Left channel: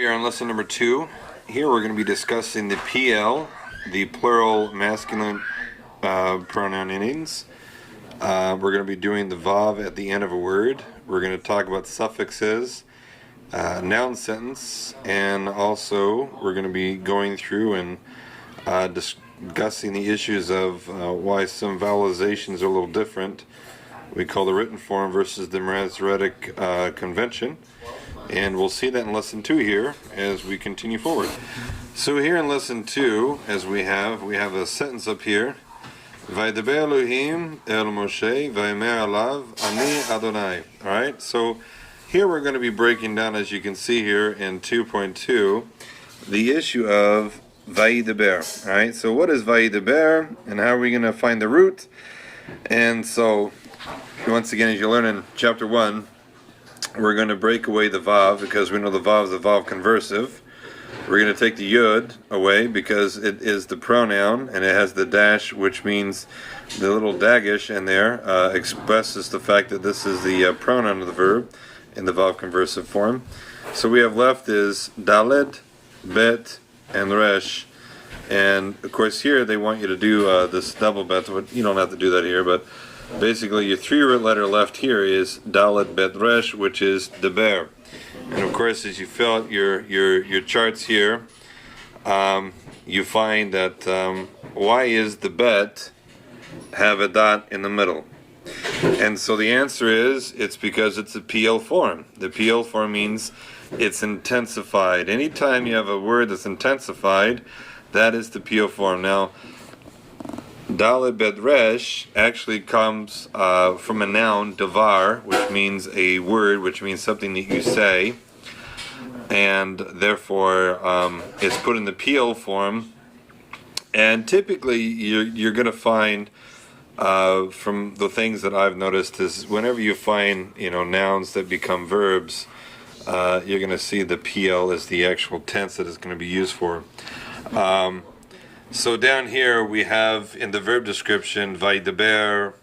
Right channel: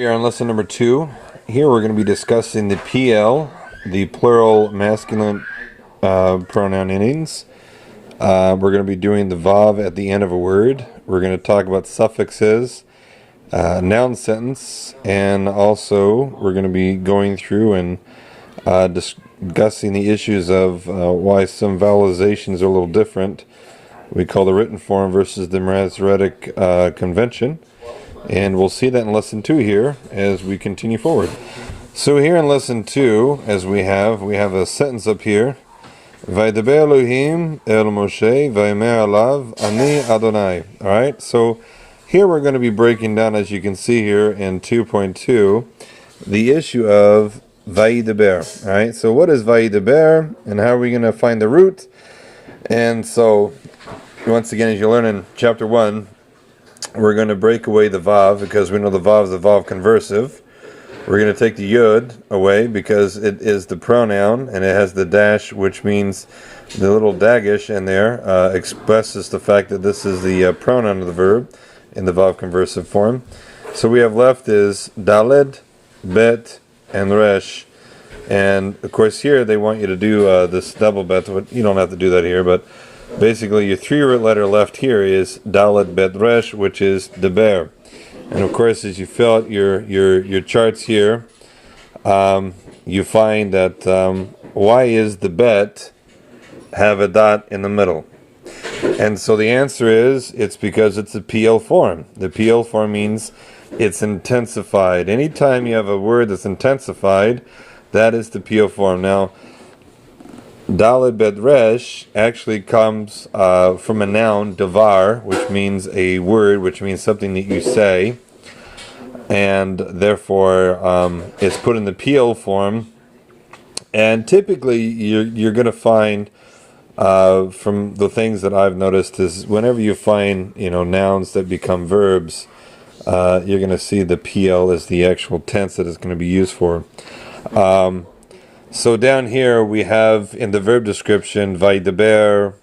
We are on lesson number 2. Here we're going to be discussing the PL, the plural masculine pronoun endings. We're going to be doing the vav at the end of a word. We're going to talk about suffixes, noun sentence, and also we're going to be going through and discussing the issues of why some vowelizations are a little different. We call the written form versus the Masoretic convention. And we'll see that in lesson 2 here as we continue forward. So here in lesson 2, as we have a sentence up here. Vaydaber Elohim el Moshe vayomer alav ani Adonai. Alright, so here we're going to be breaking down, as you can see here in 2.2, the issue of Vaydaber. Alright, so what is Vaydaber and how are we going to find the root? And so, once again, as you learn in chapter 1, we're going to break away the vav because we know the vav is a vav conversive. We're going to take the yud away because it is the pronoun and it has the dash, which means the little dagish in there expresses the fact that this is the pronoun of the verb in the vav conversive form. So we have left is daled, bet, and resh. And of course here they want you to do this double bet. You don't have to do that here, but basically, your 3-root letter left here is Dalet Bet Resh, which is Deber. And of course, as you fill out your charts here, you find that why is the bet have a dot in the middle? And so the answer is, it's because it's a PL form. The PL form means it's intensified. Anytime you have a word that's intensified, that is the PL form. Now, Dalet Bet Resh actually comes from a noun, davar, which means a word, which means something that you say, and therefore it's put in the PL form. And typically, you're going to find from the things that I've noticed is whenever you find nouns that become verbs, you're going to see the PL as the actual tense that it's going to be used for. So down here we have in the verb description Vaydaber,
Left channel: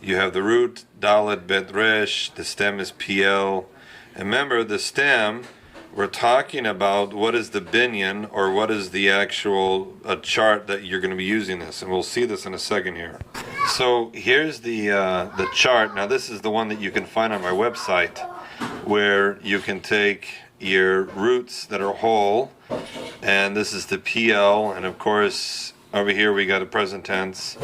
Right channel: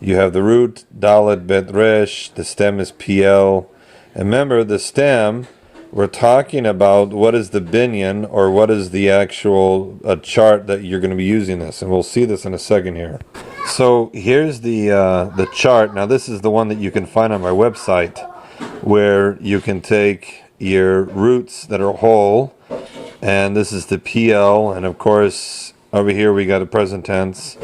you have the root Dalet Bet Resh, the stem is PL. And remember the stem, we're talking about what is the binyan or what is the actual chart that you're going to be using this, and we'll see this in a second here. So here's the chart. Now this is the one that you can find on my website, where you can take your roots that are whole. And this is the PL, and of course over here we got the present tense,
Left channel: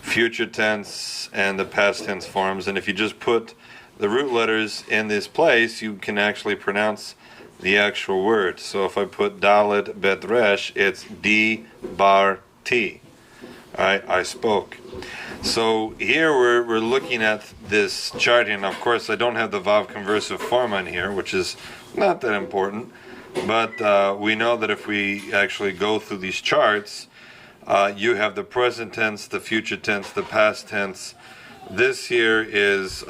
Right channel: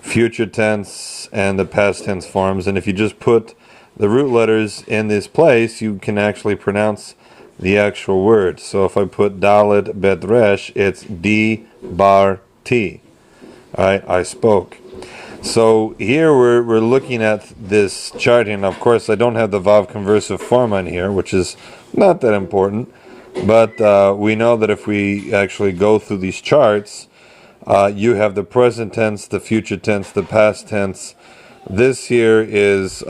future tense, and the past tense forms. And if you just put the root letters in this place, you can actually pronounce the actual word. So if I put Dalet Bet Resh, it's D bar T. Alright, I spoke. So here we're looking at this chart, and of course I don't have the vav conversive form on here, which is not that important. But we know that if we actually go through these charts, you have the present tense, the future tense, the past tense. This here is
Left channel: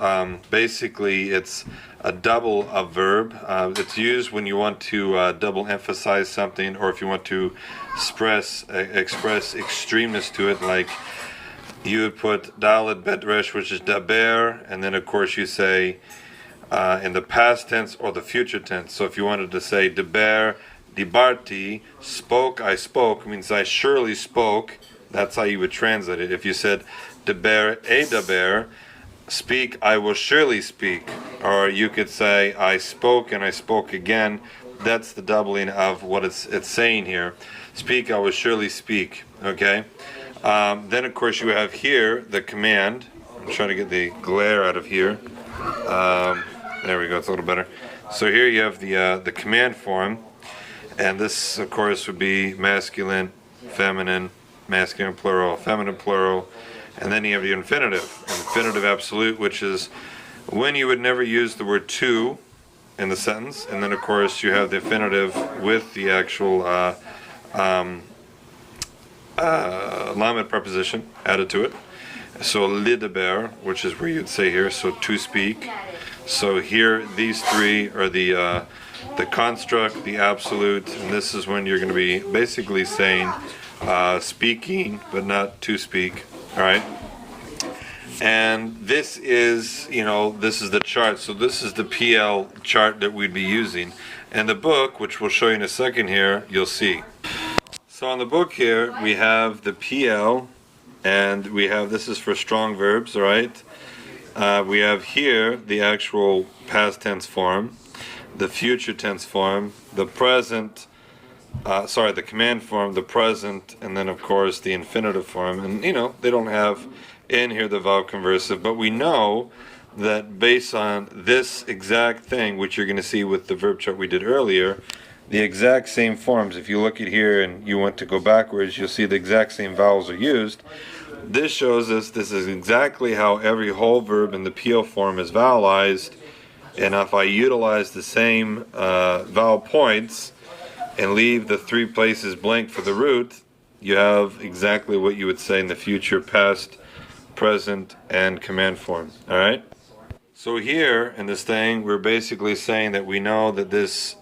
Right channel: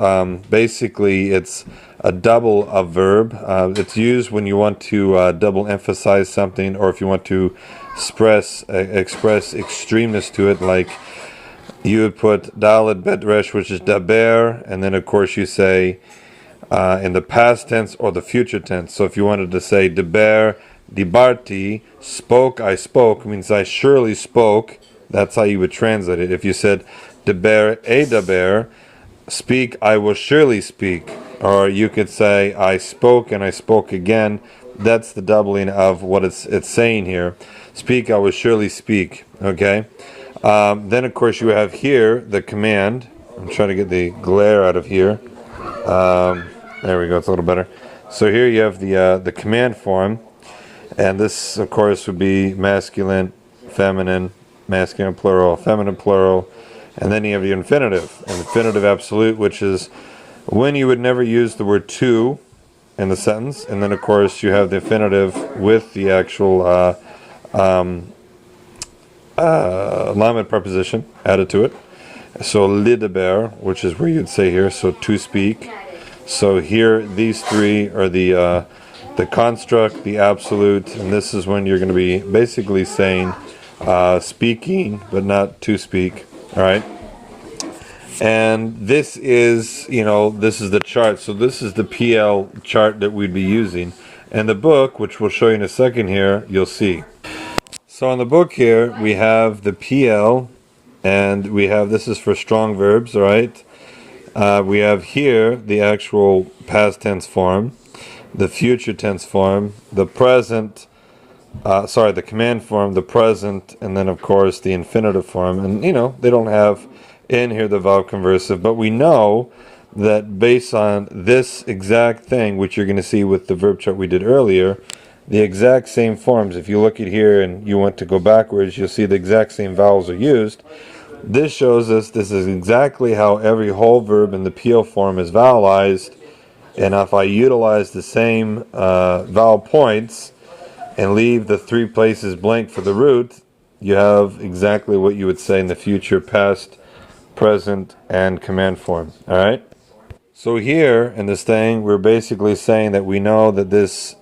basically it's a double of verb. It's used when you want to double emphasize something, or if you want to express extremis to it, like you would put Dalet Bet Resh, which is daber, and then of course you say in the past tense or the future tense. So if you wanted to say deber, dibarti, spoke, I spoke, means I surely spoke. That's how you would translate it. If you said deber, daber, speak, I will surely speak. Or you could say I spoke and I spoke again. That's the doubling of what it's saying here. Speak, I will surely speak. Okay. Then of course you have here the command. I'm trying to get the glare out of here. There we go, it's a little better. So here you have the command form, and this of course would be masculine, feminine plural, feminine plural, and then you have the infinitive absolute, which is when you would never use the word to in the sentence, and then of course you have the infinitive with the actual lamed preposition added to it. So lidaber, which is where you'd say here, so to speak. So here, these three are the construct, the absolute, and this is when you're going to be basically saying speaking, but not to speak. All right. And this is, this is the chart. So this is the PL chart that we'd be using. And the book, which we'll show you in a second here, you'll see. So in the book here, we have the PL, and we have, this is for strong verbs, right? We have here the actual past tense form, the future tense form, the present, the command form, the present, and then of course the infinitive form. And they don't have in here the vowel conversive, but we know that based on this exact thing, which you're going to see with the verb chart we did earlier, the exact same forms, if you look at here and you want to go backwards, you'll see the exact same vowels are used. This shows us this is exactly how every whole verb in the PL form is vowelized, and if I utilize the same vowel points and leave the 3 places blank for the root, you have exactly what you would say in the future, past, present, and command form. Alright? So here in this thing, we're basically saying that we know that this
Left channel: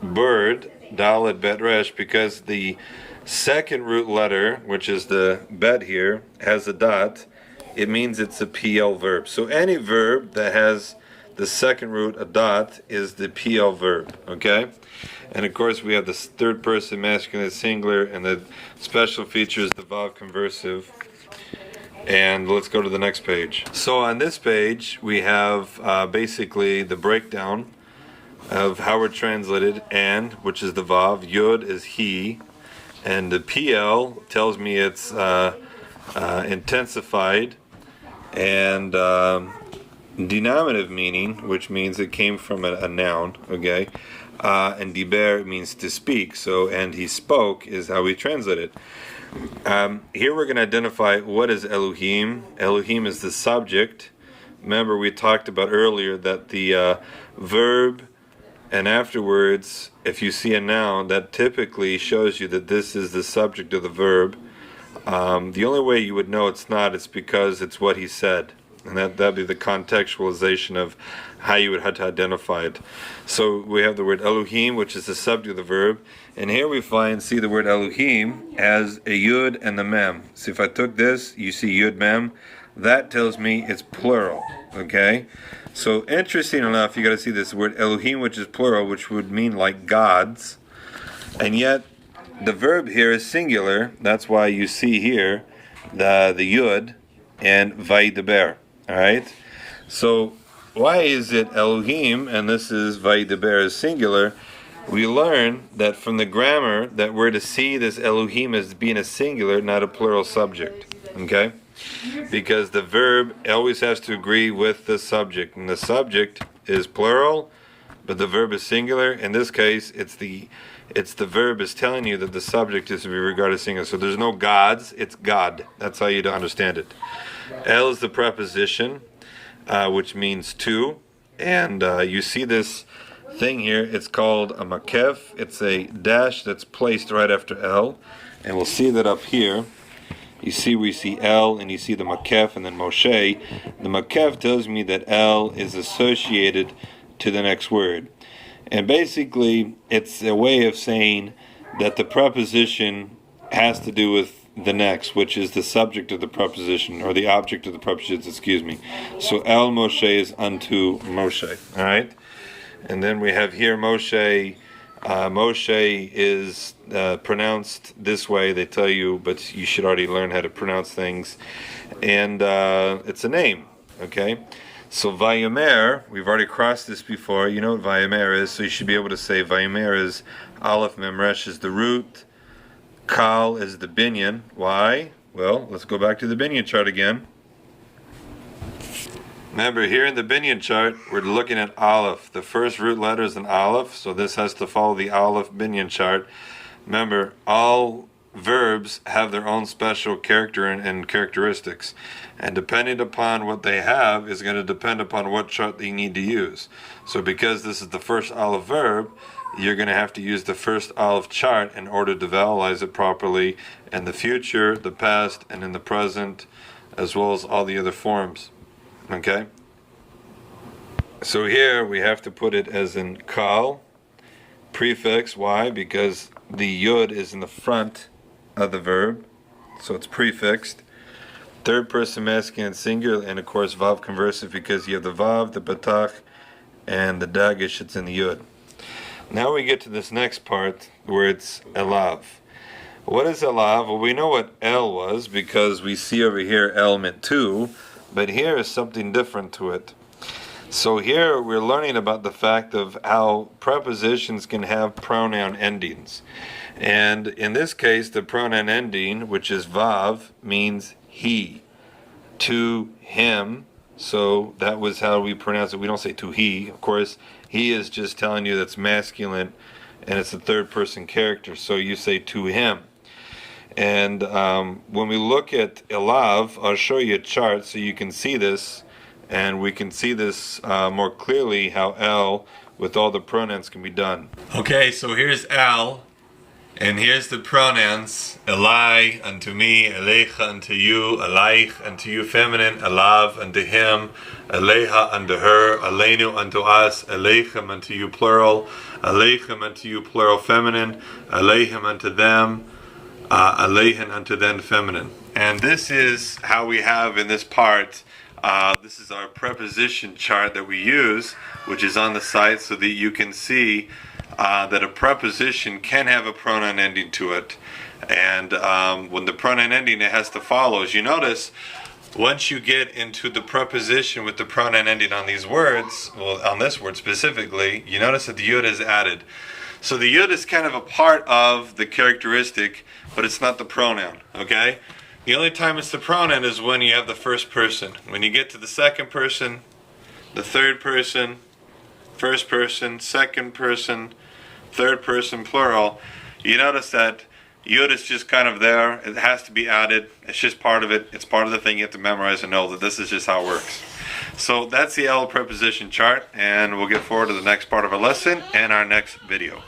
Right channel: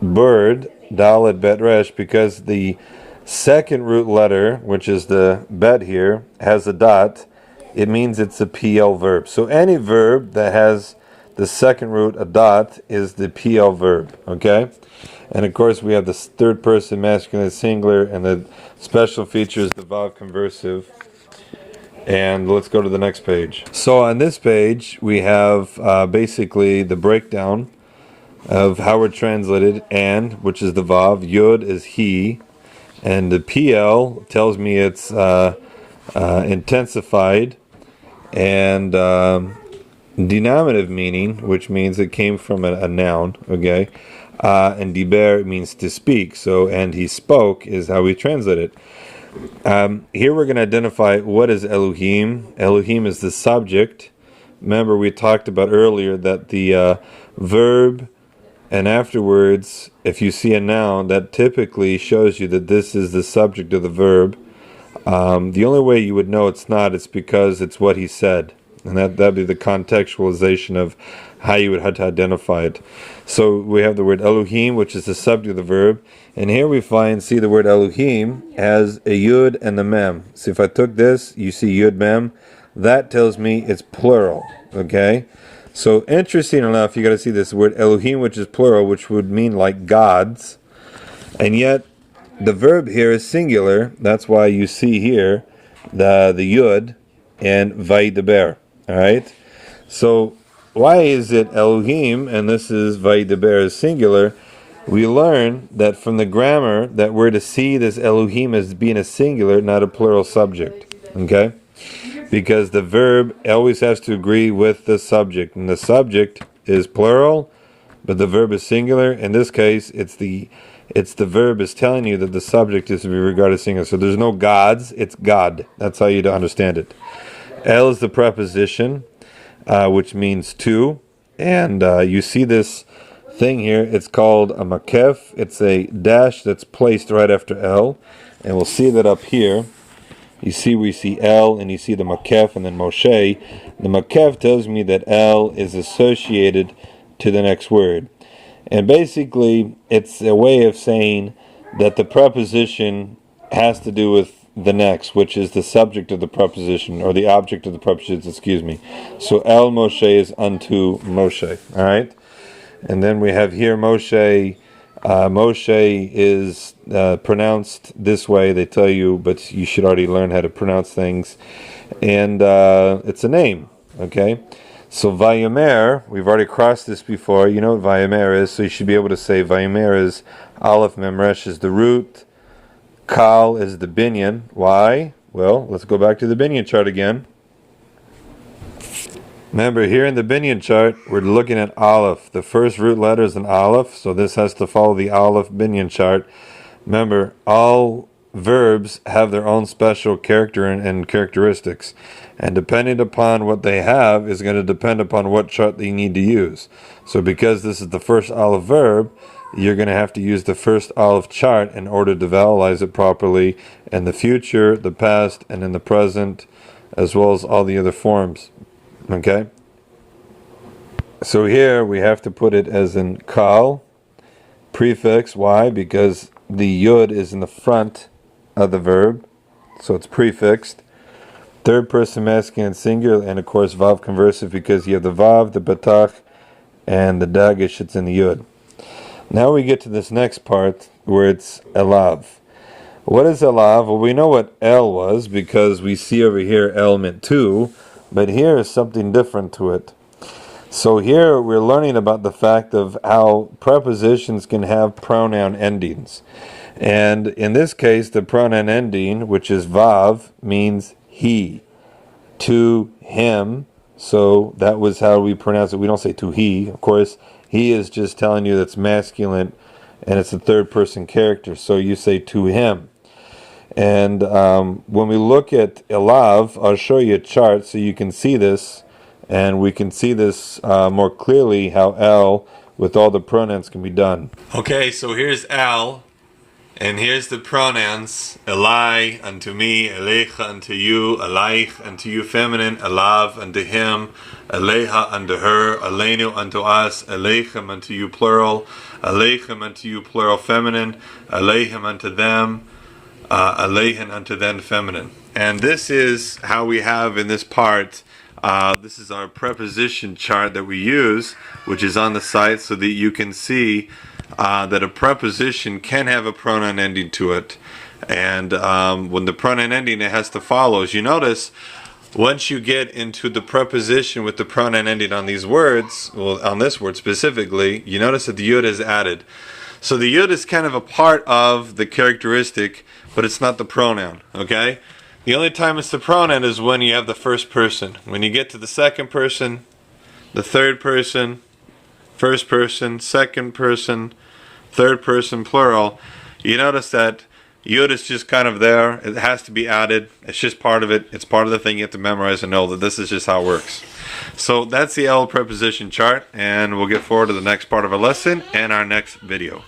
bird, Dalet Bet Resh, because the second root letter, which is the bet here, has a dot, it means it's a PL verb. So any verb that has the second root, a dot, is the PL verb. Okay? And of course we have the third person masculine singular, and the special feature is the vowel conversive. And let's go to the next page. So on this page we have basically the breakdown of how we're translated. And, which is the vav, yud is he, and the PL tells me it's intensified, and denominative meaning, which means it came from a noun, okay, and diber means to speak. So, and he spoke is how we translate it. Here we're going to identify what is Elohim. Elohim is the subject. Remember we talked about earlier that the verb and afterwards, if you see a noun, that typically shows you that this is the subject of the verb. The only way you would know it's not, it's because it's what he said. And that'd be the contextualization of how you would have to identify it. So we have the word Elohim, which is the subject of the verb. And here we see the word Elohim as a yud and the mem. So if I took this, you see yud mem. That tells me it's plural. Okay? So interesting enough, you got to see this word Elohim, which is plural, which would mean like gods. And yet, the verb here is singular. That's why you see here the yud and vaydeber. Alright? So, why is it Elohim and this is vaydeber is singular? We learn that from the grammar that we're to see this Elohim as being a singular, not a plural subject. Okay? Because the verb always has to agree with the subject. And the subject is plural, but the verb is singular. In this case, it's the verb is telling you that the subject is to be regarded as singular. So there's no gods, it's God. That's how you understand it. El is the preposition, which means to. And you see this thing here, it's called a makef. It's a dash that's placed right after El. And we'll see that up here. You see we see El, and you see the makef, and then Moshe. The makef tells me that El is associated to the next word. And basically, it's a way of saying that the preposition has to do with the next, which is the subject of the preposition, or the object of the preposition, excuse me. So El Moshe is unto Moshe. Alright? And then we have here Moshe. Moshe is pronounced this way, they tell you, but you should already learn how to pronounce things. And it's a name, okay? So Vayomer, we've already crossed this before. You know what Vayomer is, so you should be able to say Vayomer is Aleph Memresh is the root, Kal is the binyan. Why? Well, let's go back to the binyan chart again. Remember, here in the binyan chart, we're looking at Aleph. The first root letter is an Aleph, so this has to follow the Aleph binyan chart. Remember, all verbs have their own special character and characteristics. And depending upon what they have is going to depend upon what chart they need to use. So because this is the first Aleph verb, you're going to have to use the first Aleph chart in order to vowelize it properly in the future, the past, and in the present, as well as all the other forms. Okay? So here we have to put it as in Kal, prefix. Why? Because the Yud is in the front of the verb, so it's prefixed. Third person masculine singular, and of course Vav conversive, because you have the Vav, the Batach, and the Dagish, it's in the Yud. Now we get to this next part where it's elav. What is elav? Well, we know what el was because we see over here el meant two, but here is something different to it. So here we're learning about the fact of how prepositions can have pronoun endings. And in this case, the pronoun ending, which is vav, means he, to him. So that was how we pronounce it. We don't say to he. Of course, he is just telling you that's masculine and it's a third person character. So you say to him. And when we look at elav, I'll show you a chart so you can see this. And we can see this more clearly how el with all the pronouns can be done. Okay, so here's el. And here's the pronouns: elai, unto me; elecha, unto you; alaich, unto you feminine; elav, unto him; eleha, unto her; aleinu, unto us; elechem, unto you plural; alechem, unto you plural feminine; alehem, unto them; alehen, unto them feminine. And this is how we have in this part. This is our preposition chart that we use, which is on the site, so that you can see that a preposition can have a pronoun ending to it. And when the pronoun ending, it has to follow. As you notice, once you get into the preposition with the pronoun ending on these words, well, on this word specifically, you notice that the yud is added. So the yud is kind of a part of the characteristic, but it's not the pronoun, okay? The only time it's the pronoun is when you have the first person. When you get to the second person, the third person, first person, second person, third person plural, you notice that yud is just kind of there. It has to be added. It's just part of it. It's part of the thing you have to memorize and know that this is just how it works. So that's the el preposition chart, and we'll get forward to the next part of our lesson and our next video.